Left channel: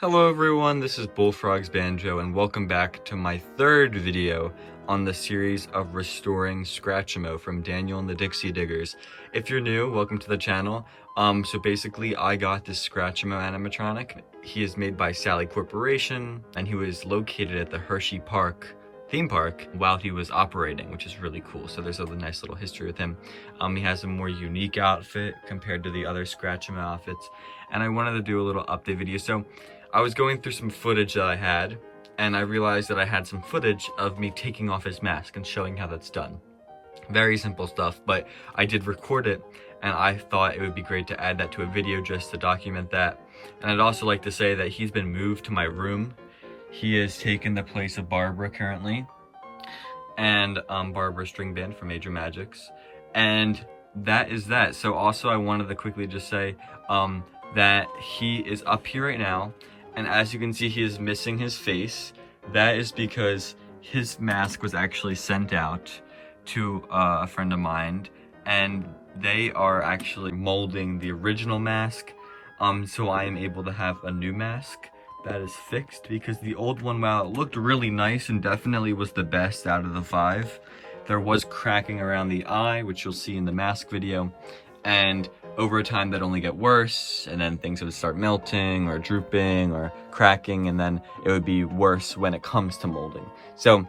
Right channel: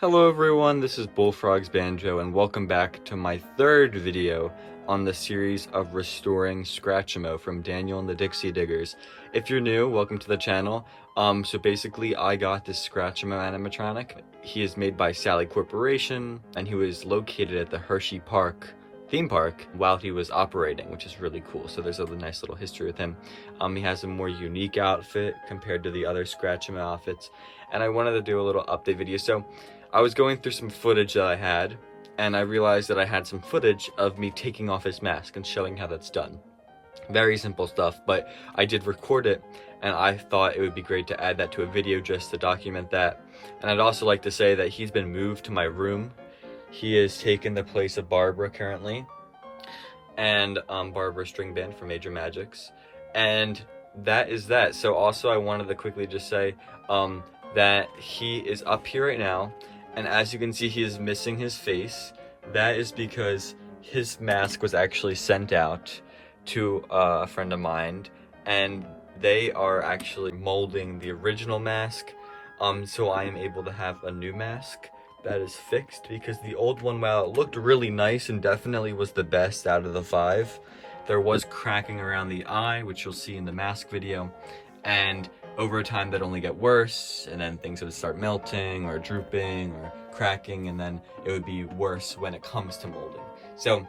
Hello everyone, this is Bullfrog's Banjo and welcome back to my third video on the series of restoring Scratchmo from Daniel and the Dixie Diggers. If you're new, welcome to the channel. So basically I got this Scratchmo animatronic. He is made by Sally Corporation and he was located at the Hershey Park theme park while he was operating, which is really cool. So there's a nice little history with him. He has a more unique outfit compared to the other Scratchmo outfits, and I wanted to do a little update video. So I was going through some footage that I had, and I realized that I had some footage of me taking off his mask and showing how that's done. Very simple stuff, but I did record it, and I thought it would be great to add that to a video just to document that. And I'd also like to say that he's been moved to my room. He has taken the place of Barbara currently, and Barbara's string band from Major Magics. And that is that. So also I wanted to quickly just say that he is up here right now. And as you can see, he is missing his face. That is because his mask was actually sent out to a friend of mine, and they are actually molding the original mask. So I am able to have a new mask that is fixed, because the old one, while it looked really nice and definitely was the best out of the 5, there was cracking around the eye, which you'll see in the mask video. And over time that only get worse, and then things would start melting or drooping or cracking, and then it would be worse when it comes to molding. So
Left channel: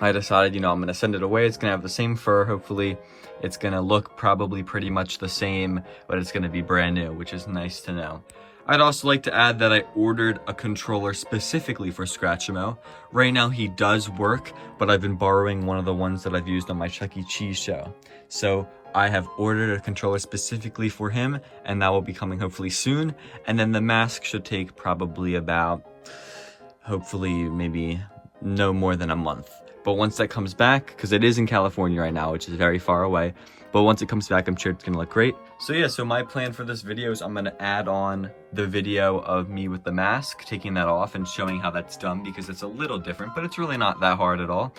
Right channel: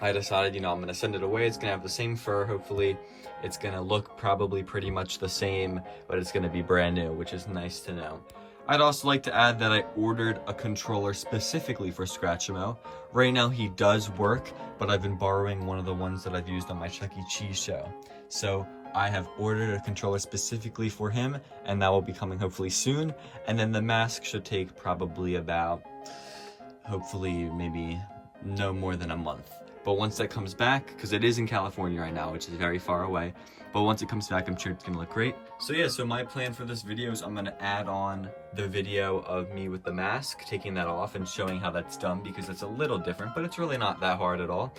I decided, I'm gonna send it away. It's gonna have the same fur, hopefully. It's gonna look probably pretty much the same, but it's gonna be brand new, which is nice to know. I'd also like to add that I ordered a controller specifically for Scratchmo. Right now he does work, but I've been borrowing one of the ones that I've used on my Chuck E. Cheese show. So I have ordered a controller specifically for him, and that will be coming hopefully soon. And then the mask should take probably about, hopefully maybe no more than a month. But once that comes back, because it is in California right now, which is very far away, but once it comes back, I'm sure it's gonna look great. So yeah, so my plan for this video is I'm gonna add on the video of me with the mask, taking that off and showing how that's done, because it's a little different, but it's really not that hard at all.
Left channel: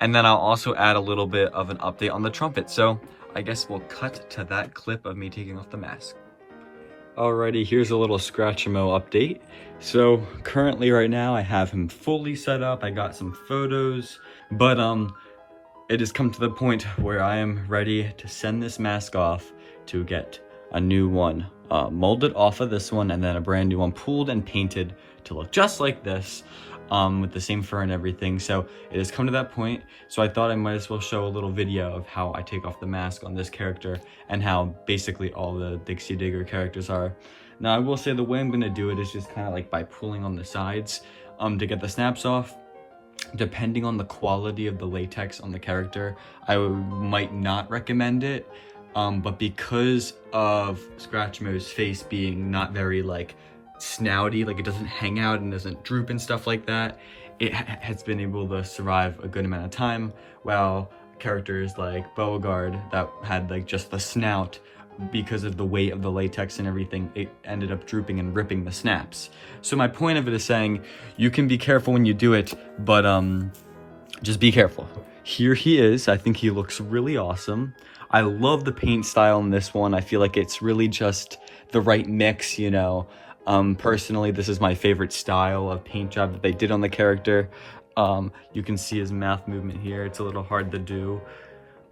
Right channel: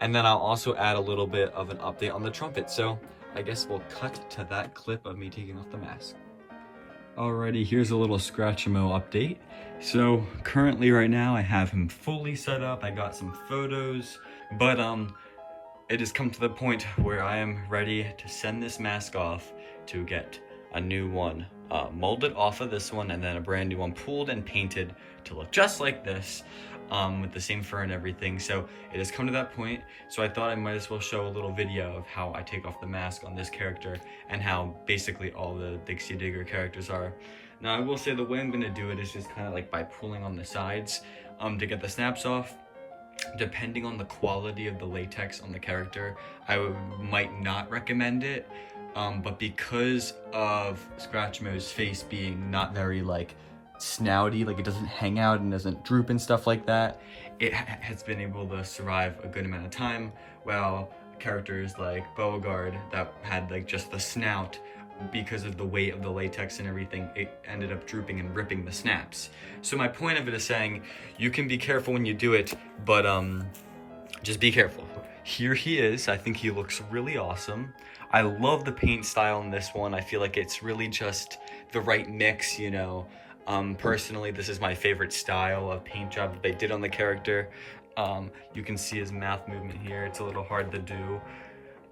And then I'll also add a little bit of an update on the trumpet. So I guess we'll cut to that clip of me taking off the mask. Alrighty, here's a little Scratchmo update. So currently right now I have him fully set up. I got some photos, but it has come to the point where I am ready to send this mask off to get a new one molded off of this one, and then a brand new one pulled and painted to look just like this, with the same fur and everything. So it has come to that point, so I thought I might as well show a little video of how I take off the mask on this character and how basically all the Dixie Digger characters are. Now I will say the way I'm going to do it is just kind of like by pulling on the sides to get the snaps off. Depending on the quality of the latex on the character, I might not recommend it, but because of Scratchmo's face being not very like snouty, like it doesn't hang out and doesn't droop and stuff like that, it has been able to survive a good amount of time, while characters like Beauregard that had like just the snout, because of the weight of the latex and everything, it ended up drooping and ripping the snaps. So my point of it is saying you can be careful when you do it, but just be careful. Here he is. I think he looks really awesome. I love the paint style in this one. I feel like it's really just the right mix, Personally, this is my favorite style of paint job that they did on the character. You can see his mouth movement here. It's a little hard to do,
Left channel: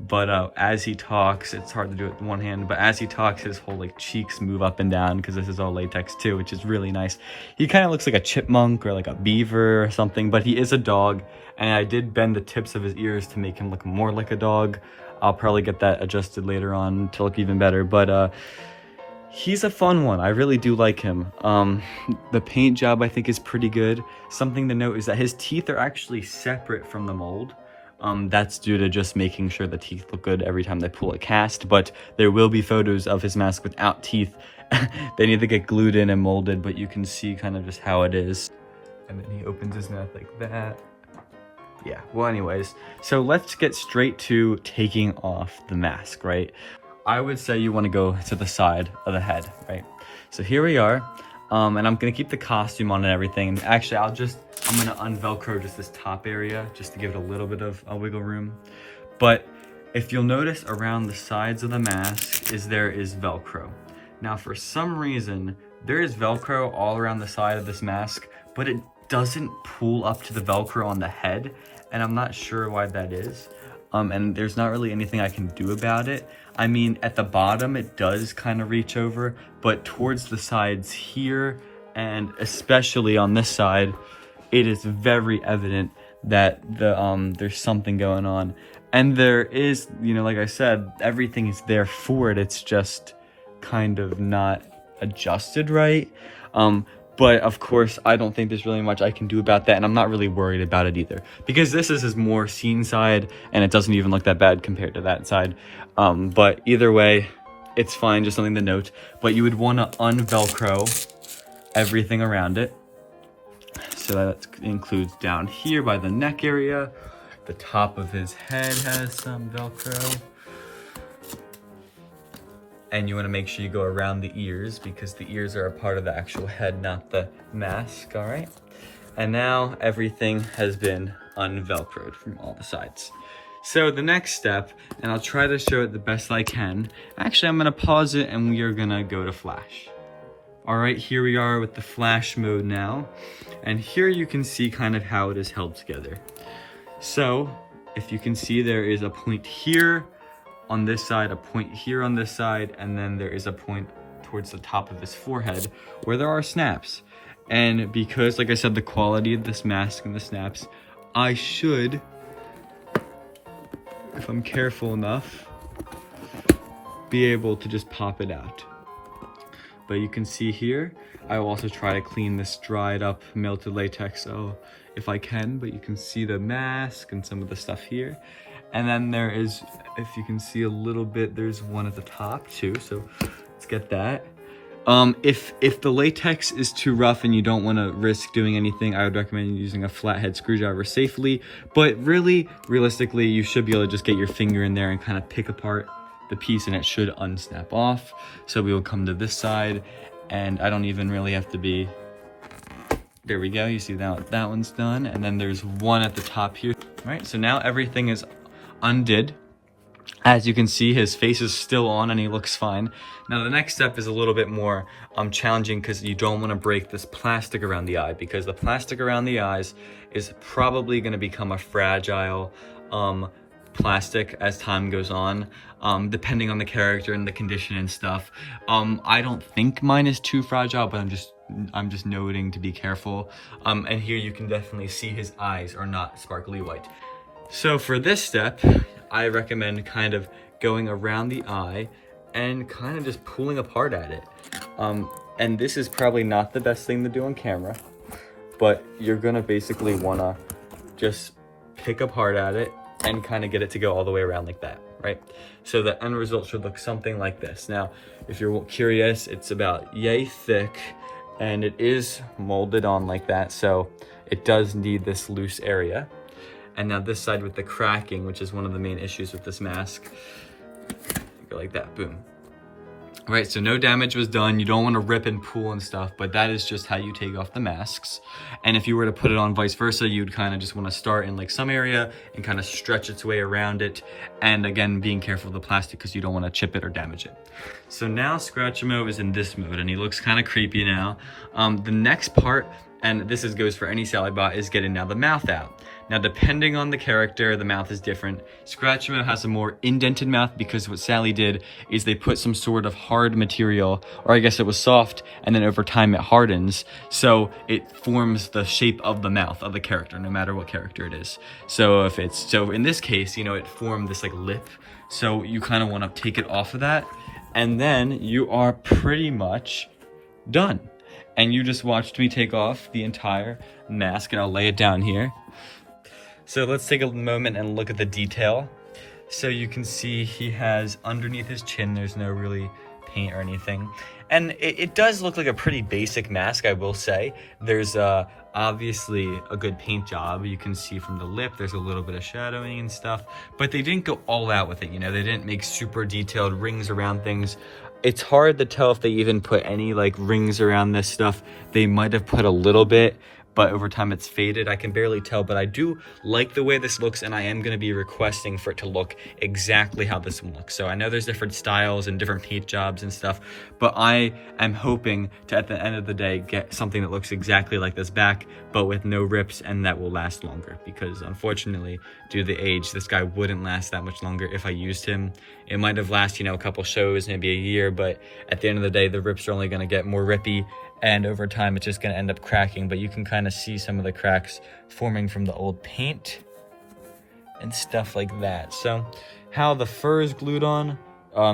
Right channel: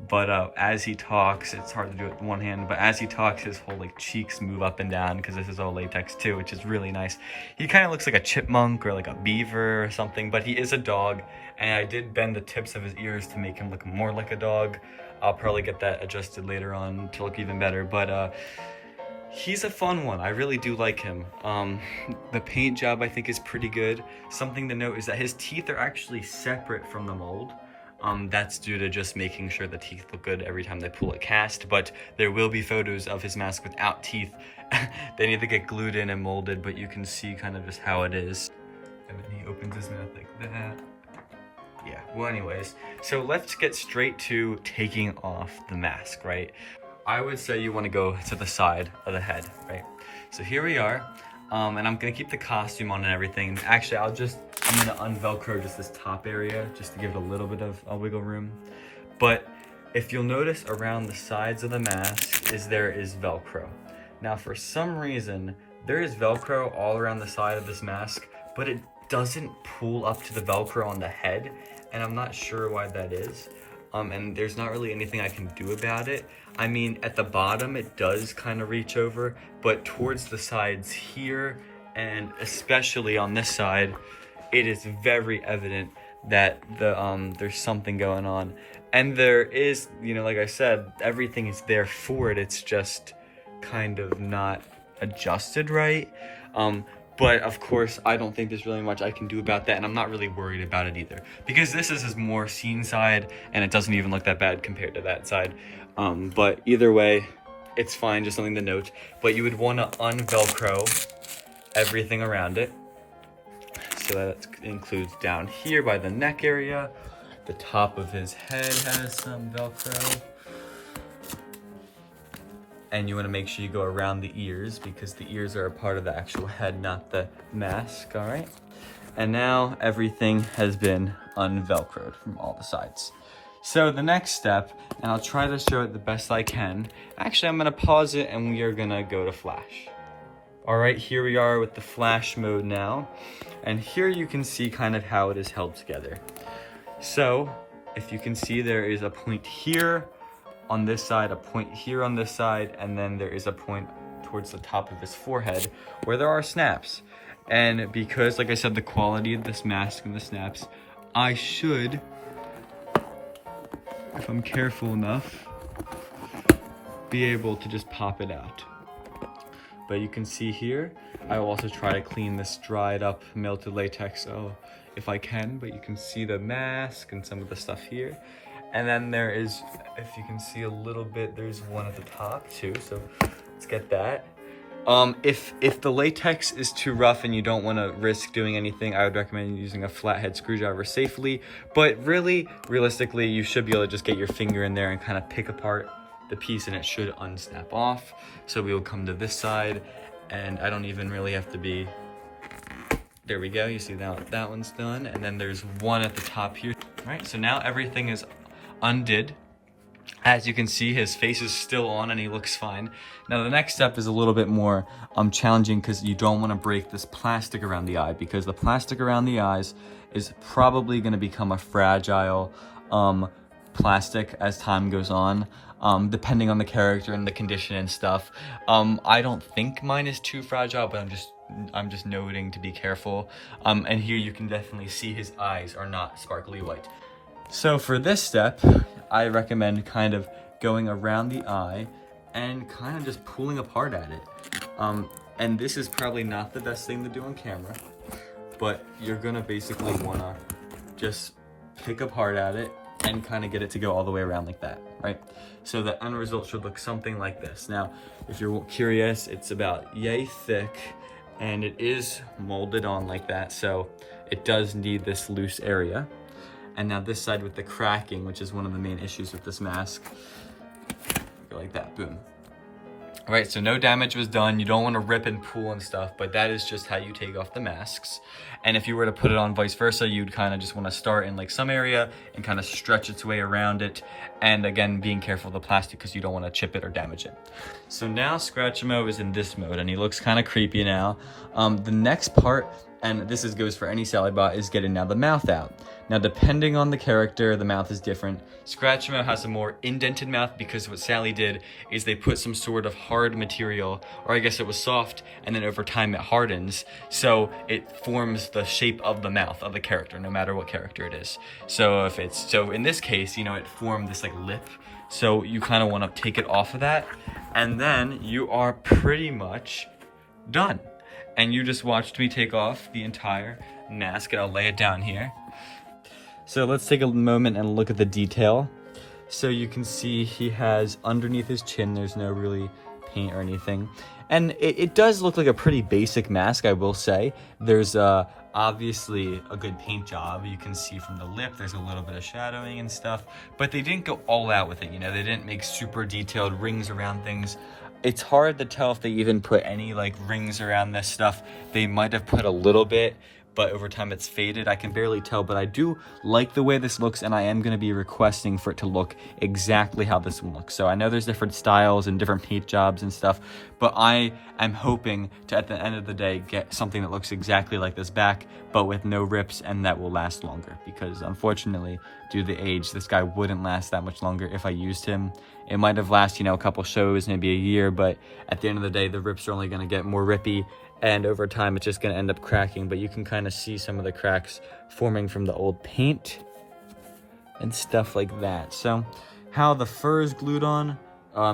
but as he talks, it's hard to do it with one hand, but as he talks, his whole like cheeks move up and down, because this is all latex too, which is really nice. He kind of looks like a chipmunk or like a beaver or something, but he is a dog, and I did bend the tips of his ears to make him look more like a dog. I'll probably get that adjusted later on to look even better, but he's a fun one. I really do like him. The paint job I think is pretty good. Something to note is that his teeth are actually separate from the mold. That's due to just making sure the teeth look good every time they pull a cast, but there will be photos of his mask without teeth. They need to get glued in and molded, but you can see kind of just how it is. And then he opens his mouth like that. Yeah, well anyways, so let's get straight to taking off the mask, right? I would say you want to go to the side of the head, right? So here we are. And I'm gonna keep the costume on and everything. And actually, I'm gonna unvelcro just this top area just to give it a little bit of wiggle room. But if you'll notice around the sides of the mask there is Velcro. Now, for some reason, there is Velcro all around the side of this mask, but it doesn't pull up to the Velcro on the head, and I'm not sure why that is. And there's not really anything I can do about it. I mean, at the bottom, it does kind of reach over, but towards the sides here, and especially on this side, it is very evident that there's something going on. And there is, you know, like I said, everything is there for it. It's just kind of not adjusted right. But of course, I don't think there's really much I can do about that, and I'm not really worried about it either, because this is his more scene side, and it doesn't even look that bad compared to that side. But either way, it's fine, just something to note. But you would want to un-Velcro everything around it. So that includes down here by the neck area. The top of his head has some Velcro. And you want to make sure you go around the ears, because the ears are a part of the actual head, not the mask, all right? And now everything has been un-Velcroed from all the sides. So the next step, and I'll try to show it the best I can. Actually, I'm gonna pause it and we are gonna go to flash. All right, here we are with the flash mode now. And here you can see kind of how it is held together. So if you can see, there is a point here on this side, a point here on this side, and then there is a point towards the top of his forehead where there are snaps. And because, like I said, the quality of this mask and the snaps, I should, if I'm careful enough, be able to just pop it out. But you can see here, I will also try to clean this dried up melted latex if I can, but you can see the mask and some of the stuff here. And then there is, if you can see a little bit, there's one at the top too, so let's get that. If the latex is too rough and you don't want to risk doing anything, I would recommend using a flathead screwdriver safely. But really, realistically, you should be able to just get your finger in there and kind of pick apart the piece, and it should unsnap off. So we will come to this side, and I don't even really have to be, there we go, you see that one's done, and then there's one at the top here. All right, so now everything is undid. As you can see, his face is still on and he looks fine. Now the next step is a little bit more challenging, because you don't want to break this plastic around the eye, because the plastic around the eyes is probably going to become a fragile plastic as time goes on, depending on the character and the condition and stuff. I don't think mine is too fragile, but I'm just noting to be careful. And here you can definitely see his eyes are not sparkly white. So for this step, I recommend kind of going around the eye and kind of just pulling apart at it. And this is probably not the best thing to do on camera, but you're gonna basically wanna just pick apart at it and kind of get it to go all the way around like that, right? So the end result should look something like this. Now, if you're curious, it's about yay thick, and it is molded on like that, so it does need this loose area. And now this side with the cracking, which is one of the main issues with this mask, go like that, boom. All right, so no damage was done. You don't want to rip and pull and stuff, but that is just how you take off the masks. And if you were to put it on vice versa, you'd kind of just want to start in like some area and kind of stretch its way around it. And again, being careful of the plastic, because you don't want to chip it or damage it. So now Scratchmo is in this mode, and he looks kind of creepy now. The next part, and this goes for any Sally bot, is getting now the mouth out. Now, depending on the character, the mouth is different. Scratchmo has a more indented mouth, because what Sally did is they put some sort of hard material, or I guess it was soft, and then over time it hardens, so it forms the shape of the mouth of the character, no matter what character it is. So in this case, you know, it formed this like lip, so you kind of want to take it off of that, and then you are pretty much done. And you just watched me take off the entire mask, and I'll lay it down here. So let's take a moment and look at the detail. So you can see he has underneath his chin, there's no really paint or anything. And it does look like a pretty basic mask, I will say. There's obviously a good paint job. You can see from the lip, there's a little bit of shadowing and stuff, but they didn't go all out with it, you know? They didn't make super detailed rings around things. It's hard to tell if they even put any like rings around this stuff. They might have put a little bit, but over time it's faded. I can barely tell, but I do like the way this looks, and I am going to be requesting for it to look exactly how this one looks. So I know there's different styles and different paint jobs and stuff, but I am hoping to, at the end of the day, get something that looks exactly like this back, but with no rips, and that will last longer, because unfortunately, due to the age, this guy wouldn't last that much longer if I used him. It might have lasted, you know, a couple shows, maybe a year, but at the end of the day, the rips are only going to get more rippy, and over time it's just going to end up cracking. But you can kind of see some of the cracks forming from the old paint and stuff like that. So how the fur is glued on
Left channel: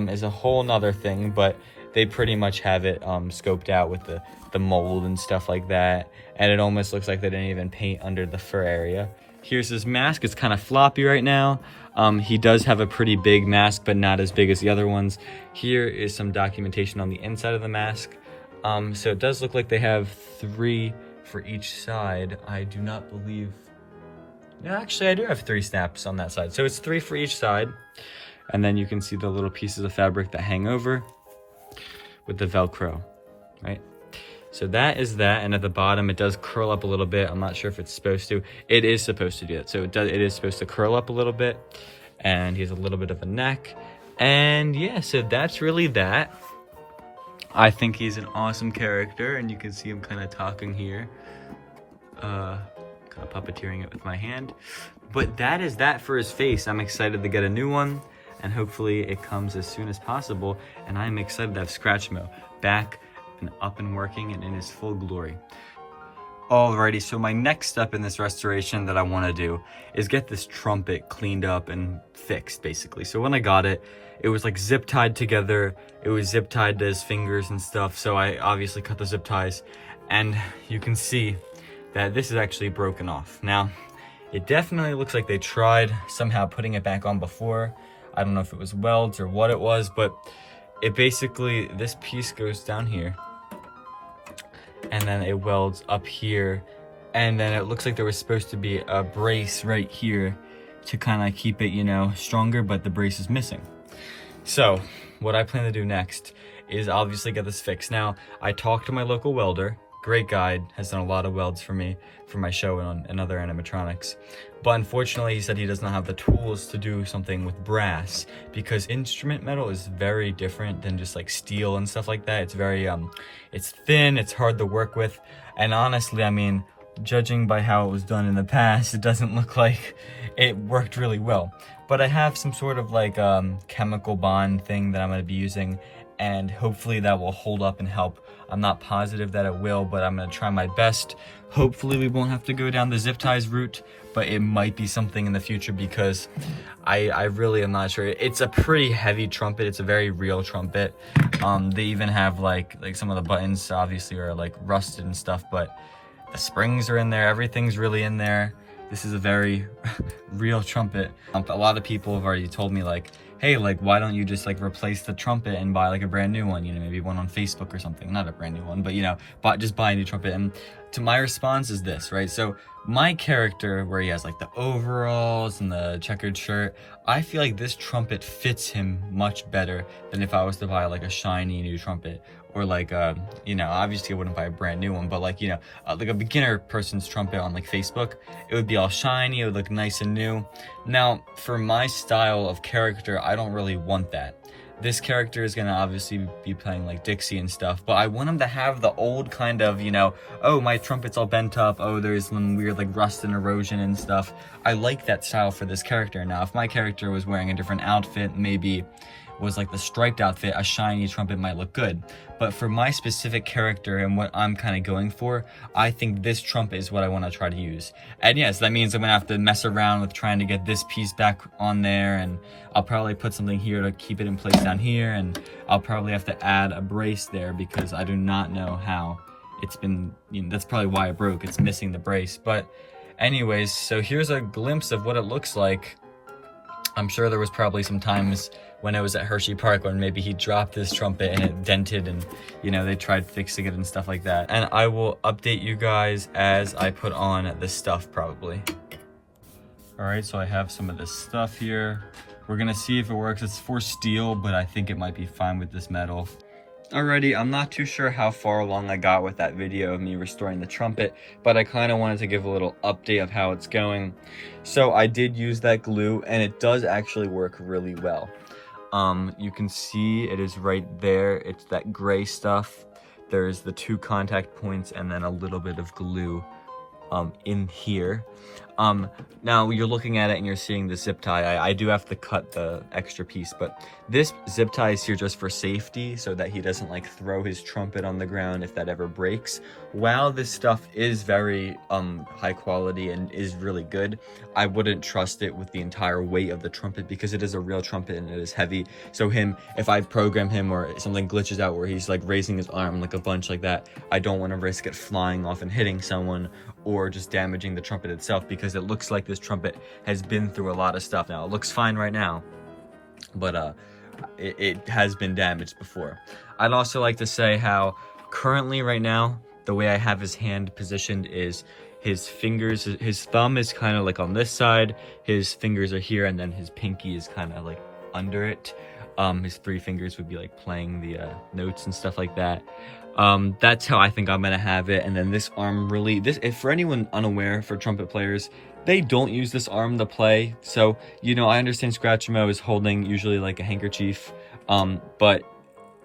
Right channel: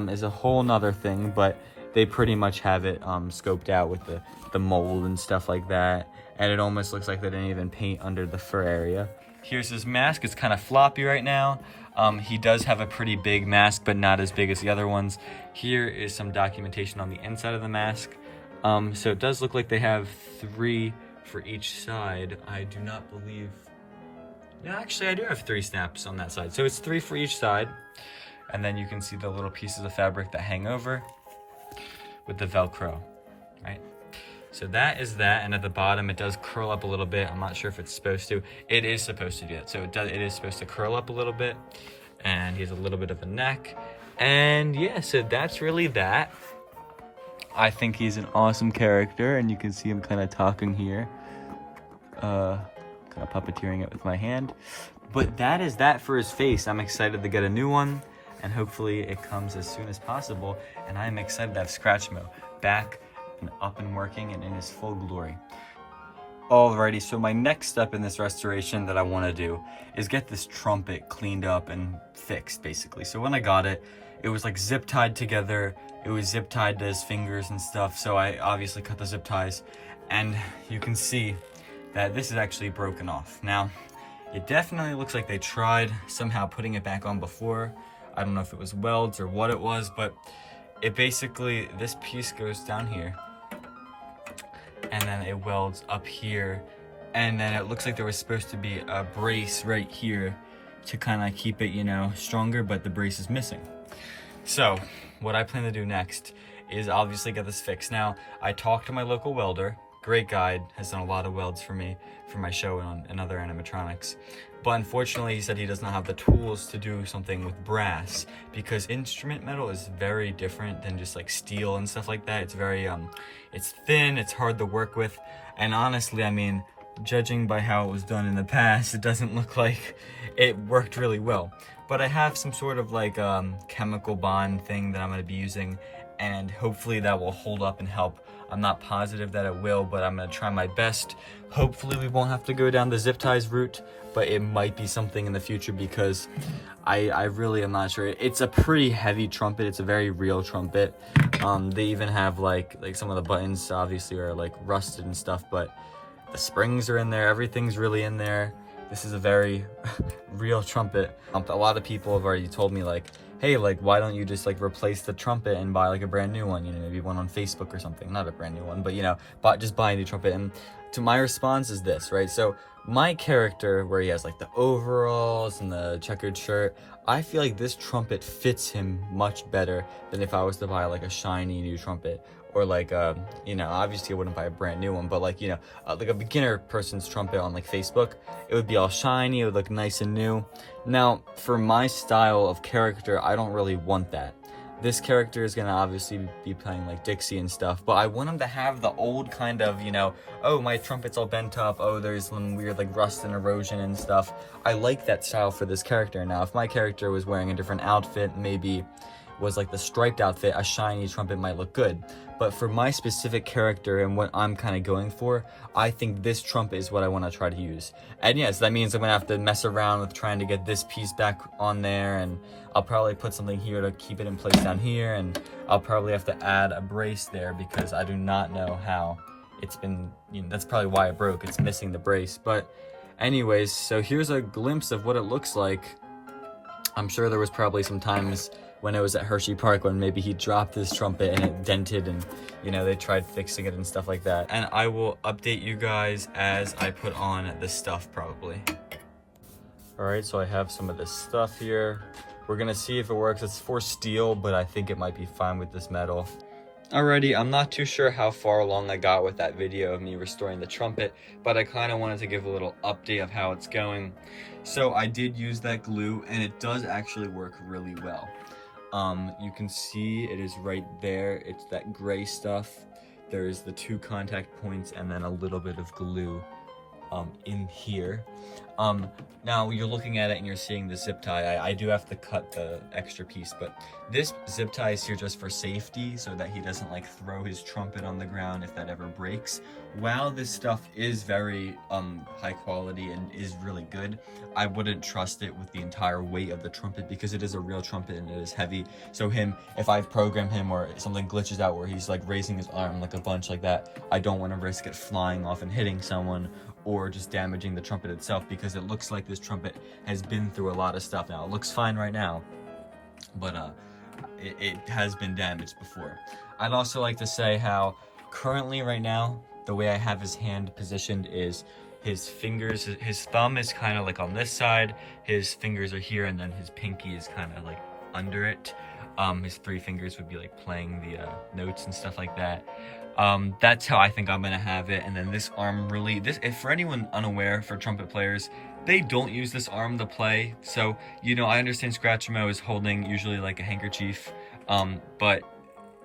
is a whole nother thing, but they pretty much have it scoped out with the mold and stuff like that, and it almost looks like they didn't even paint under the fur area. Here's his mask. It's kind of floppy right now. He does have a pretty big mask, but not as big as the other ones. Here is some documentation on the inside of the mask. So it does look like they have 3 for each side. I do not believe... Yeah, actually I do have 3 snaps on that side. So it's 3 for each side. And then you can see the little pieces of fabric that hang over with the Velcro, right? So that is that, and at the bottom it does curl up a little bit. I'm not sure if it's supposed to. It is supposed to do that. So it is supposed to curl up a little bit, and he has a little bit of a neck. And yeah, so that's really that. I think he's an awesome character, and you can see him kind of talking here. Kind of puppeteering it with my hand. But that is that for his face. I'm excited to get a new one, and hopefully it comes as soon as possible. And I'm excited to have Scratchmo back and up and working and in his full glory. Alrighty, so my next step in this restoration that I want to do is get this trumpet cleaned up and fixed, basically. So when I got it, it was like zip tied together. It was zip tied to his fingers and stuff, so I obviously cut the zip ties, and you can see that this is actually broken off. Now, it definitely looks like they tried somehow putting it back on before. I don't know if it was welds or what it was, but it basically, this piece goes down here, and then it welds up here, and then it looks like there was supposed to be a brace right here to kind of keep it, you know, stronger, but the brace is missing. So what I plan to do next is obviously get this fixed. Now, I talked to my local welder, great guy, has done a lot of welds for me for my show and other animatronics. But unfortunately, he said he does not have the tools to do something with brass, because instrument metal is very different than just like steel and stuff like that. It's very, it's thin, it's hard to work with. And honestly, I mean, judging by how it was done in the past, it doesn't look like it worked really well. But I have some sort of like chemical bond thing that I'm going to be using, and hopefully that will hold up and help. I'm not positive that it will, but I'm going to try my best. Hopefully we won't have to go down the zip ties route, but it might be something in the future, because I really am not sure. It's a pretty heavy trumpet. It's a very real trumpet. They even have like some of the buttons obviously are like rusted and stuff, but the springs are in there. Everything's really in there. This is a very real trumpet. A lot of people have already told me like, hey, like, why don't you just like replace the trumpet and buy like a brand new one, you know, maybe one on Facebook or something. Not a brand new one, but you know, just buy a new trumpet. And to my response is this, right? So my character, where he has like the overalls and the checkered shirt, I feel like this trumpet fits him much better than if I was to buy like a shiny new trumpet, or like you know, obviously I wouldn't buy a brand new one, but like, you know, like a beginner person's trumpet on like Facebook, it would be all shiny, it would look nice and new. Now, for my style of character, I don't really want that. This character is gonna obviously be playing like Dixie and stuff, but I want him to have the old kind of, you know, oh, my trumpet's all bent up, oh, there's some weird like rust and erosion and stuff. I like that style for this character. Now, if my character was wearing a different outfit, maybe was like the striped outfit, a shiny trumpet might look good. But for my specific character and what I'm kind of going for, I think this trumpet is what I want to try to use. And yes, that means I'm gonna have to mess around with trying to get this piece back on there, and I'll probably put something here to keep it in place down here, and I'll probably have to add a brace there, because I do not know how it's been, you know, that's probably why it broke. It's missing the brace. But anyways, so here's a glimpse of what it looks like. I'm sure there was probably some times when I was at Hershey Park when maybe he dropped this trumpet and it dented, and you know, they tried fixing it and stuff like that. And I will update you guys as I put on this stuff probably. All right, so I have some of this stuff here. We're gonna see if it works. It's for steel, but I think it might be fine with this metal. already. I'm not too sure how far along I got with that video of me restoring the trumpet, but I kind of wanted to give a little update of how it's going. So I did use that glue, and it does actually work really well. You can see it is right there. It's that gray stuff. There's the 2 contact points and then a little bit of glue in here. Now you're looking at it and you're seeing the zip tie. I do have to cut the extra piece, but this zip tie is here just for safety so that he doesn't like throw his trumpet on the ground if that ever breaks. While this stuff is very high quality and is really good, I wouldn't trust it with the entire weight of the trumpet because it is a real trumpet and it is heavy. So if I program him or something glitches out where he's like raising his arm like a bunch like that, I don't want to risk it flying off and hitting someone or just damaging the trumpet itself, because it looks like this trumpet has been through a lot of stuff. Now it looks fine right now, but it has been damaged before. I'd also like to say how currently right now the way I have his hand positioned is his fingers, his thumb is kind of like on this side, his fingers are here, and then his pinky is kind of like under it. His 3 fingers would be like playing the notes and stuff like that. That's how I think I'm gonna have it. And then this arm really, if for anyone unaware, for trumpet players, they don't use this arm to play. So, you know, I understand Scratchmo is holding usually like a handkerchief, but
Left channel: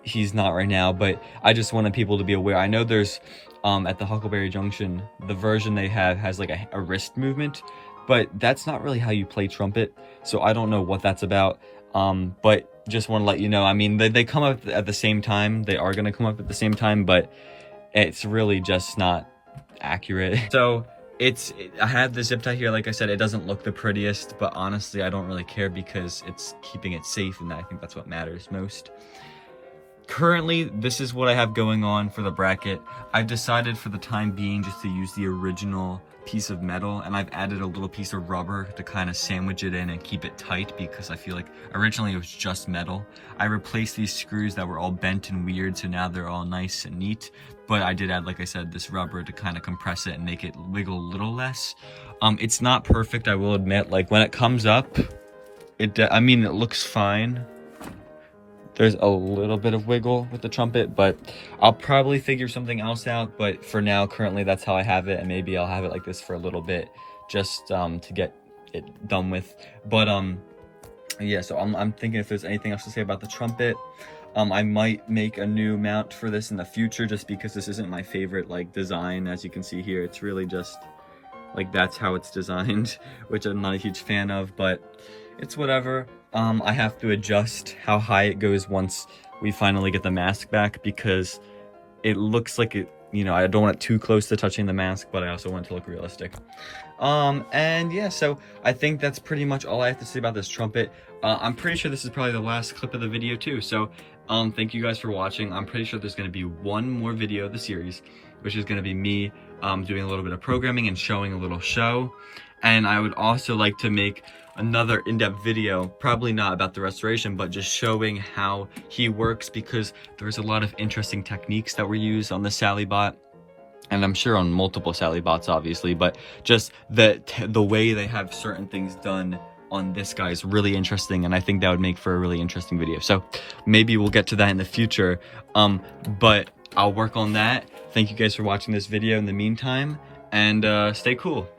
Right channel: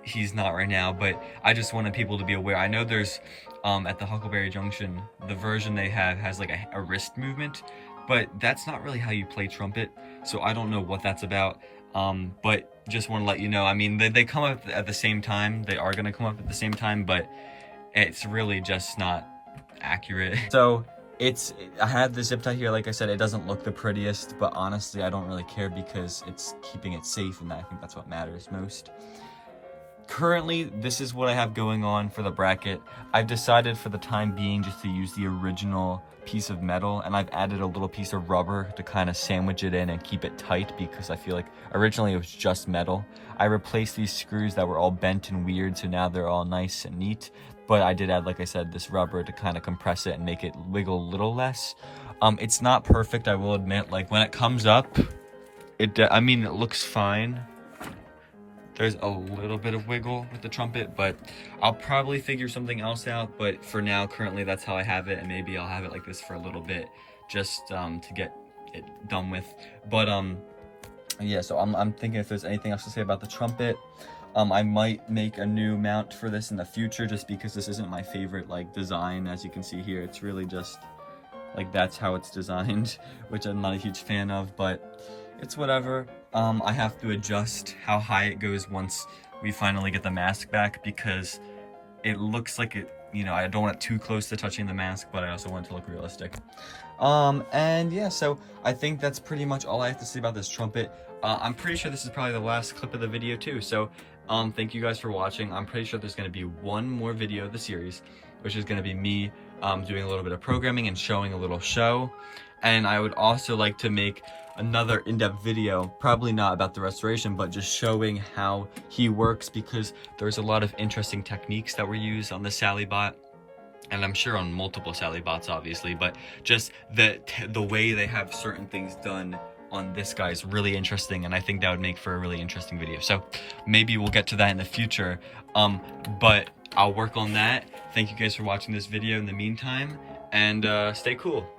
he's not right now. But I just wanted people to be aware. I know there's, at the Huckleberry Junction, the version they have has like a wrist movement, but that's not really how you play trumpet. So I don't know what that's about. But just want to let you know, I mean, they come up at the same time. They are going to come up at the same time, but it's really just not accurate. So I have the zip tie here. Like I said, it doesn't look the prettiest, but honestly, I don't really care because it's keeping it safe, and I think that's what matters most. Currently, this is what I have going on for the bracket. I've decided for the time being just to use the original piece of metal, and I've added a little piece of rubber to kind of sandwich it in and keep it tight, because I feel like originally it was just metal. I replaced these screws that were all bent and weird, so now they're all nice and neat, but I did add, like I said, this rubber to kind of compress it and make it wiggle a little less. It's not perfect, I will admit. Like when it comes up, I mean, it looks fine. There's a little bit of wiggle with the trumpet, but I'll probably figure something else out. But for now, currently, that's how I have it, and maybe I'll have it like this for a little bit, just to get it done with. But yeah, so I'm thinking if there's anything else to say about the trumpet. I might make a new mount for this in the future, just because this isn't my favorite like design. As you can see here, it's really just like that's how it's designed, which I'm not a huge fan of, but it's whatever. I have to adjust how high it goes once we finally get the mask back, because it looks like it, you know, I don't want it too close to touching the mask, but I also want it to look realistic. And yeah, so I think that's pretty much all I have to say about this trumpet. I'm pretty sure this is probably the last clip of the video too, so thank you guys for watching. I'm pretty sure there's going to be one more video of the series, which is going to be me doing a little bit of programming and showing a little show. And I would also like to make another in-depth video, probably not about the restoration, but just showing how he works, because there's a lot of interesting techniques that were used on the Sally bot, and I'm sure on multiple Sally bots obviously, but just the way they have certain things done on this guy is really interesting, and I think that would make for a really interesting video. So maybe we'll get to that in the future, but I'll work on that. Thank you guys for watching this video in the meantime, and stay cool.